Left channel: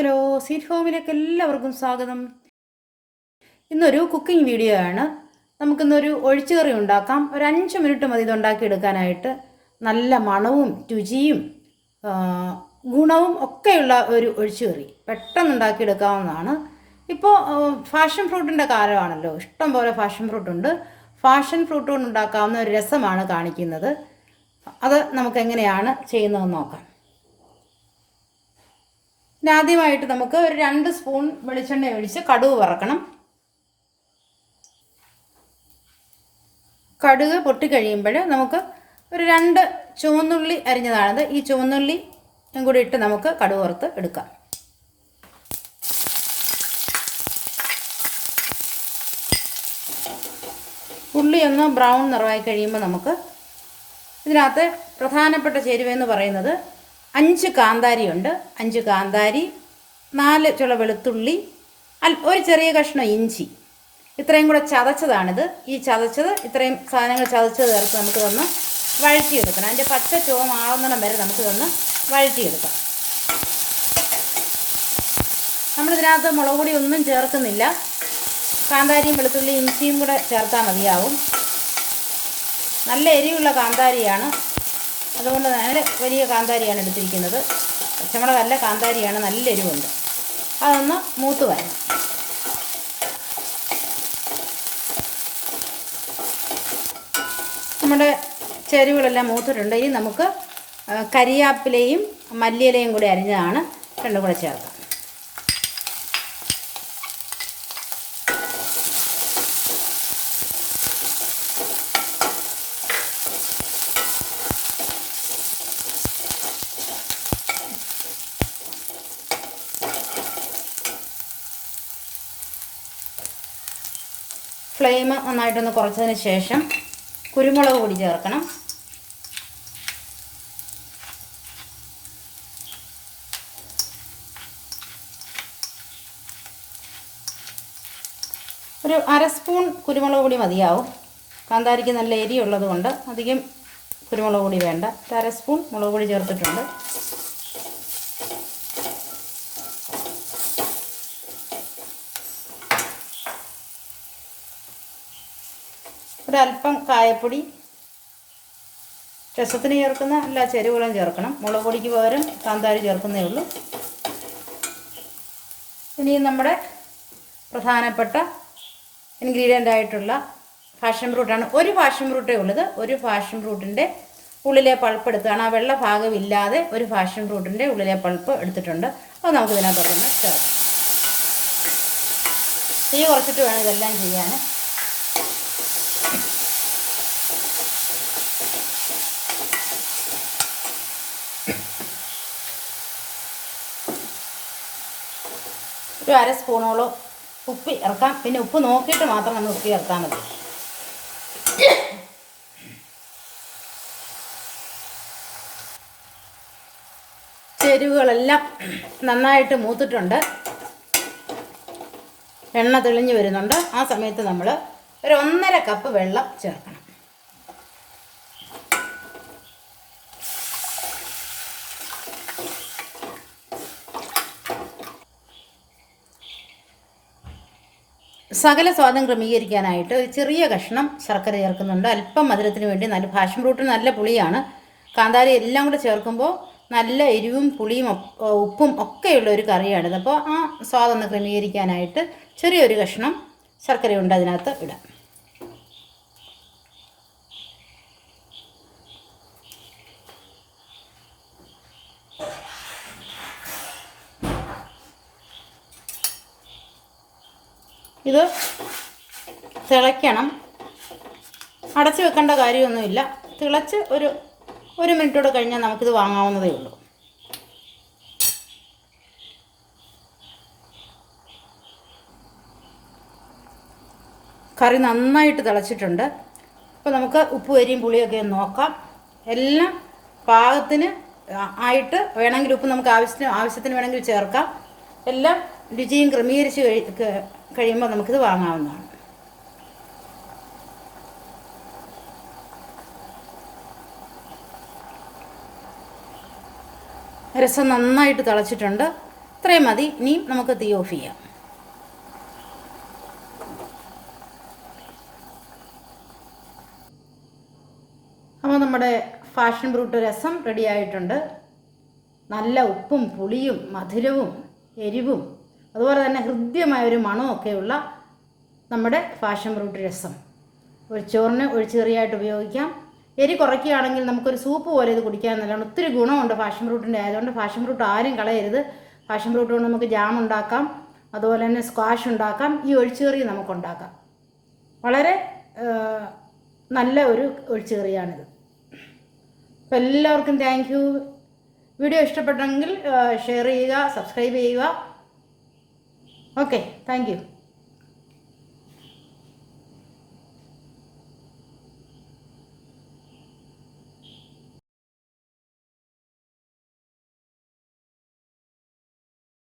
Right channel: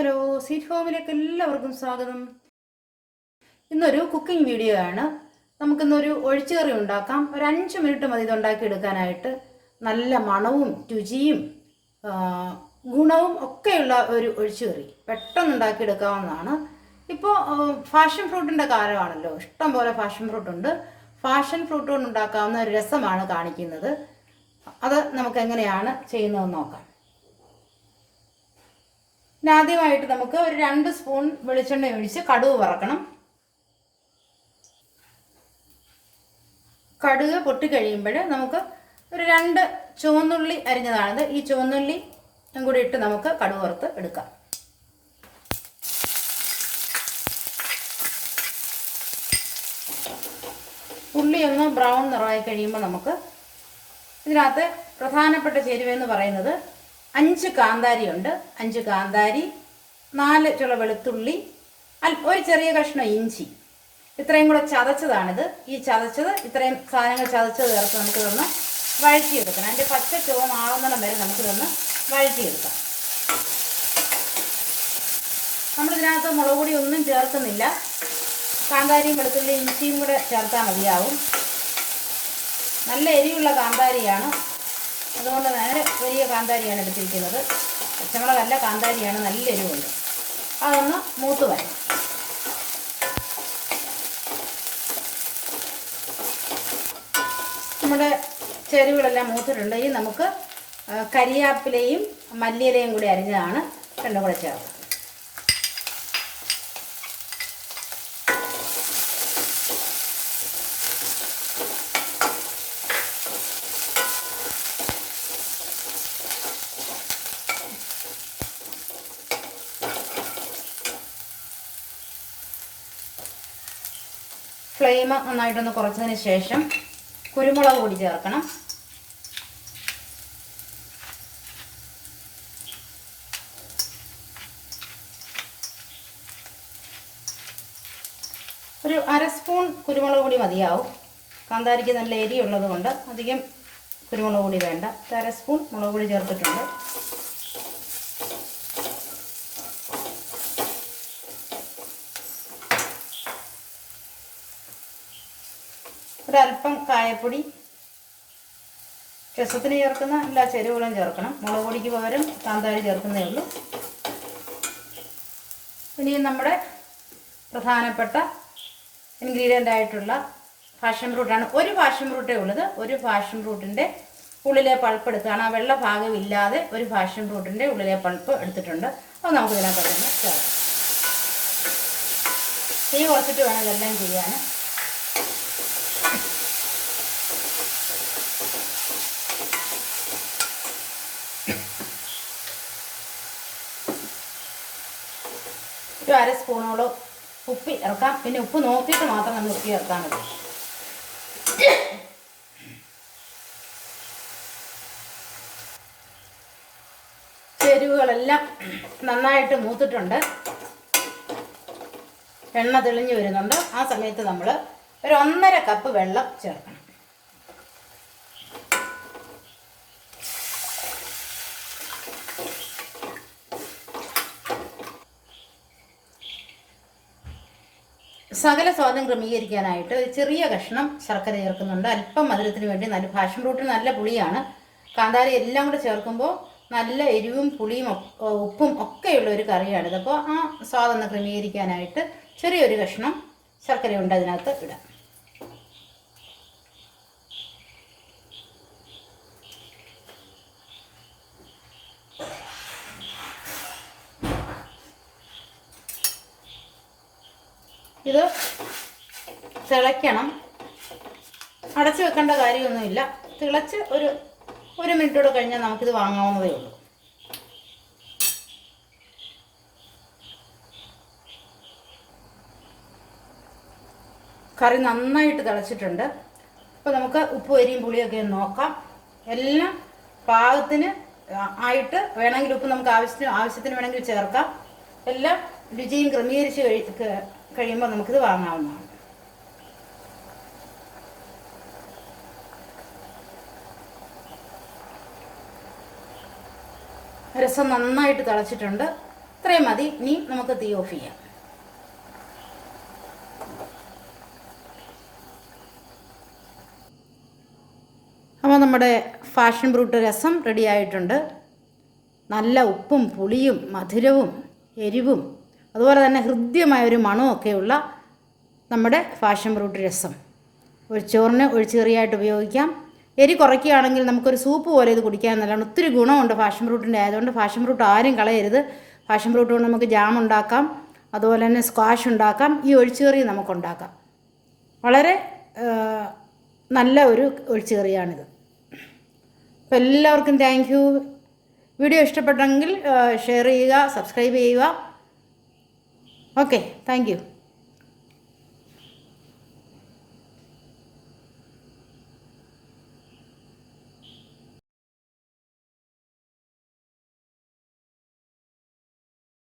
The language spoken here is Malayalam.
ഹലോ, സീറ്റ് ഹോമിലേക്ക് എല്ലാവർക്കും സ്വാഗതം. ഇന്നൊരു കുക്കിംഗ് വീഡിയോ ആണ്. നമുക്കിന്നൊരു ഒഴിച്ചുകറി ഉണ്ടാക്കാം. ഒരു 5 മിനിറ്റ് മതി ഇത് ഉണ്ടാക്കിയെടുക്കാനായിട്ട്. നല്ല മണവും രുചിയും ഗുണവും ഒക്കെയുള്ള ഒരു ഒഴിച്ചുകറി പെട്ടെന്ന് ഉണ്ടാക്കിയെടുക്കാവുന്നതാണ്. ഇപ്പോൾ ഫാഷൻ ഫ്രൂട്ടിൻ്റെ കാലമാണല്ലോ, ഇഷ്ടം പോലെ ഫാഷൻ ഫ്രൂട്ടുണ്ട്. ഫാഷൻ ഫ്രൂട്ട് കൊണ്ട് ഉണ്ടാക്കാവുന്ന ഒരു രസമാണ് കാണിക്കുന്നത്. അത് നമുക്ക് എങ്ങനെയാണ് ചെയ്യുന്നതെന്ന് നോക്കാം. ആദ്യമായിട്ട് നമുക്ക് ഒരു 2 സ്പൂൺ വെളിച്ചെണ്ണ ഒഴിച്ച് കടുക് വറക്കണം. കടുക് പൊട്ടിക്കഴിയുമ്പോൾ നമുക്ക് ഒരു 2 ചുവന്നുള്ളി അരിഞ്ഞതാണിത്. ഈ ചുവന്നുള്ളി കൂടി ഇട്ട് നമുക്ക് കടുക് വറുത്ത് എടുക്കാം. ഉള്ളി ഒന്ന് ബ്രൗൺ നിറമായി കഴിയുമ്പോൾ നമുക്ക് ഇതിനകത്ത് പ്രധാനപ്പെട്ട ചേരുവയെന്ന് പറയുന്നത് 5 കാന്താരിയുണ്ട്. 5 കാന്താരി, 4 ചുള വെളുത്തുള്ളി, ഒരു ചെറിയ കഷ്ണം ഇഞ്ചി, ഇത്രയും കൂടെ ചതച്ചതാണിത്. ഈ ചതച്ചത് ഇത്രയും സാധനങ്ങൾ ചതച്ചത് ചേർത്ത് നമുക്ക് ഒന്ന് വഴറ്റിയെടുക്കണം. അതിൻ്റെ പച്ച ചുവമാകുന്നിടം വരെ നമുക്കിതൊന്ന് വഴറ്റിയെടുക്കാം. നമ്മളിതിനകത്ത് മുളക് പൊടി ഒന്നും ചേർക്കുന്നില്ല. കാന്താരിയും വെളുത്തുള്ളിയും ഇഞ്ചിയും കൂടെ ചേർത്താൽ മതിയാവും. നല്ല എരിവുള്ള കാന്താരിയാണ്, അതുകൊണ്ട് നേരെ വലിയ കാന്താരിയാണ് എടുത്തിരിക്കുന്നത്. പച്ചമുളകല്ല, കാന്താരിയാണ്, നല്ല എരിവുണ്ട്. അതൊന്ന് മൂത്ത് വരണം. നമ്മുടെ ചേരുവകളെല്ലാം മൂത്തിട്ടുണ്ട്. ഈ നമുക്ക് കരിയാപ്പിലയും മല്ലിയിലയും കൂടി അരിഞ്ഞതാണ് രണ്ടും കൂടെ ചേർക്കാം. ഫ്ലെയിം നന്നായിട്ടൊന്ന് കുറച്ചതിന് ശേഷം കുരുമുളക് പൊടി ചേർക്കണം. ഒരു 1/2 സ്പൂൺ കുരുമുളക് പൊടി മതിയാവും. കാന്താരിക്ക് നല്ല എരിയുള്ളത് കൊണ്ട് അധികം കുരുമുളക് പൊടി വേണ്ട. 1/2 സ്പൂൺ മുളക് പൊടി ചേർത്തിട്ടുണ്ട്. ഒരല്പം കായപ്പൊടി, രസത്തിന് ചേർക്കുന്ന എല്ലാ ചേരുവകളും ചേർക്കണം. മുളക് പൊടിക്ക് പകരം കാന്താരി ചേർക്കുന്നേ ഉള്ളൂ. ഇനി നമ്മുടെ പ്രധാനപ്പെട്ട ഇൻഗ്രീഡിയൻ്റ് ആയിട്ടുള്ള ഫാഷൻ ഫ്രൂട്ടാണ്. ഒരു ഫാഷൻ ഫ്രൂട്ടേ ഉള്ളത്. ഒരു ഫാഷൻ ഫ്രൂട്ടിൻ്റെ ഉള്ളിലെ പൾപ്പ് എടുത്താണ്. ആ വെള്ള ഭാഗം ഇല്ലാതെ ഒരു ഫാഷൻ ഫ്രൂട്ടിൻ്റെ ഉള്ളിലെ പൾപ്പ് എടുത്തിട്ടുണ്ട്. അത് നമുക്ക് ഇതിനകത്തൊന്ന് ചേർക്കാം. തീ കുറച്ചിട്ട് വേണം ഇതെല്ലാം ചെയ്യാൻ. ഒരു 1/2 സ്പൂണോളം ഉപ്പ് ഇറക്കാം. പിന്നെ ഉപ്പ് നോക്കിയിട്ട് മാത്രം നമ്മൾ ഉപ്പ് ചേർത്താൽ മതി. ചേരുവകളെല്ലാം നന്നായിട്ട് മൂത്തിട്ടുണ്ട്. എണ്ണ തെളിഞ്ഞു വരുന്നുണ്ട്. ആ സമയത്ത് നമ്മൾ ഒരു 1.5 കപ്പ് വെള്ളം ചേർക്കണം. സകല സ്വാദം ക്രമീകരിക്കാനായിട്ട് ഒരു ചെറിയ കഷ്ണം ശർക്കര ചേർക്കുന്നുണ്ട്. അല്പം മധുരത്തിന് വേണ്ടി. നല്ല ഫാഷൻ ഫ്രൂട്ടിന് നല്ല പുളിയാണ്. കാന്താരി എല്ലാം കൂടെ ചേർക്കുമ്പോൾ നല്ല എരിവും പുളിയും ഉപ്പും ഒക്കെയുള്ള ഒരു കറിയാണിത്. അപ്പോൾ ആ സ്വാദം ക്രമീകരിക്കാനായിട്ട് ചെറിയൊരു കഷ്ണം ശർക്കരയുണ്ട് അതിനകത്ത് ഇടാം. ഇത് തിളയ്ക്കണം. അടച്ചു വെക്കേണ്ട കാര്യമൊന്നുമില്ല. തിളച്ച് ഒരു മിനിറ്റോടെ കഴിഞ്ഞാൽ നമുക്കിത് വാങ്ങാവുന്നതേ ഉള്ളൂ. കറി നന്നായിട്ട് തിളച്ചിട്ടുണ്ട്. അപ്പോൾ നമുക്ക് ഉപ്പ് അരിയും പുളിയൊക്കെ നോക്കാം. എല്ലാം പാകത്തിന് ആയിട്ട് വേണമെങ്കിൽ ഉപ്പ് നമുക്ക് ആവശ്യത്തിന് വേണമെങ്കിൽ ചേർക്കാം. എല്ലാം രുചിയും ക്രമീകരിച്ച് കഴിയുമ്പോൾ നമുക്കിത് വാങ്ങാവുന്നതാണ്. രസം നന്നായിട്ട് തിളച്ചിട്ടുണ്ട്. ഇത്രയും മതി. ഇനി നമുക്ക് തീ ഓഫ് ചെയ്യാം. അപ്പോൾ നമ്മുടെ ഫാഷൻ ഫ്രൂട്ട് രസം റെഡി ആയിട്ടുണ്ട്. നല്ല ഉപ്പും പുളിയും മധുരവും എരിവും അതുപോലെ തന്നെ ഹൃദ്യമായൊരു മണമൊക്കെയുള്ള നമ്മുടെ ഫാഷൻ ഫ്രൂട്ട് രസം ചോറിന് ഒഴിച്ചുകറിയായിട്ട് ഉപയോഗിക്കാം. എരി കുറയ്ക്കുകയാണെങ്കിൽ നമുക്കൊരു സൂപ്പ് പോലെ ഇത് കുടിക്കാൻ നല്ലതാണ്. ഒത്തിരി ഗുണമുണ്ട് ഫാഷൻ ഫ്രൂട്ടിൻ്റെ ആയതുകൊണ്ട് ഫാഷൻ ഫ്രൂട്ട് ആരും കളയരുത്. ഫാഷൻ ഫ്രൂട്ട് കൊണ്ട് നമുക്ക് ജാം ഉണ്ടാക്കാം, അതുപോലെ തന്നെ സ്ക്വാഷ് ഉണ്ടാക്കാം, ഈ ഒഴിച്ചുകറി നമുക്കുണ്ടാക്കാം. വളരെ നല്ല ഒരു ഒഴിച്ചുകറിയാണിത്. അപ്പോൾ എല്ലാവർക്കും താങ്ക് യു. വീഡിയോ ഇഷ്ടപ്പെട്ടെങ്കിൽ ഷെയർ ചെയ്യുക, സബ്സ്ക്രൈബ് ചെയ്യുക. Okay, thank you.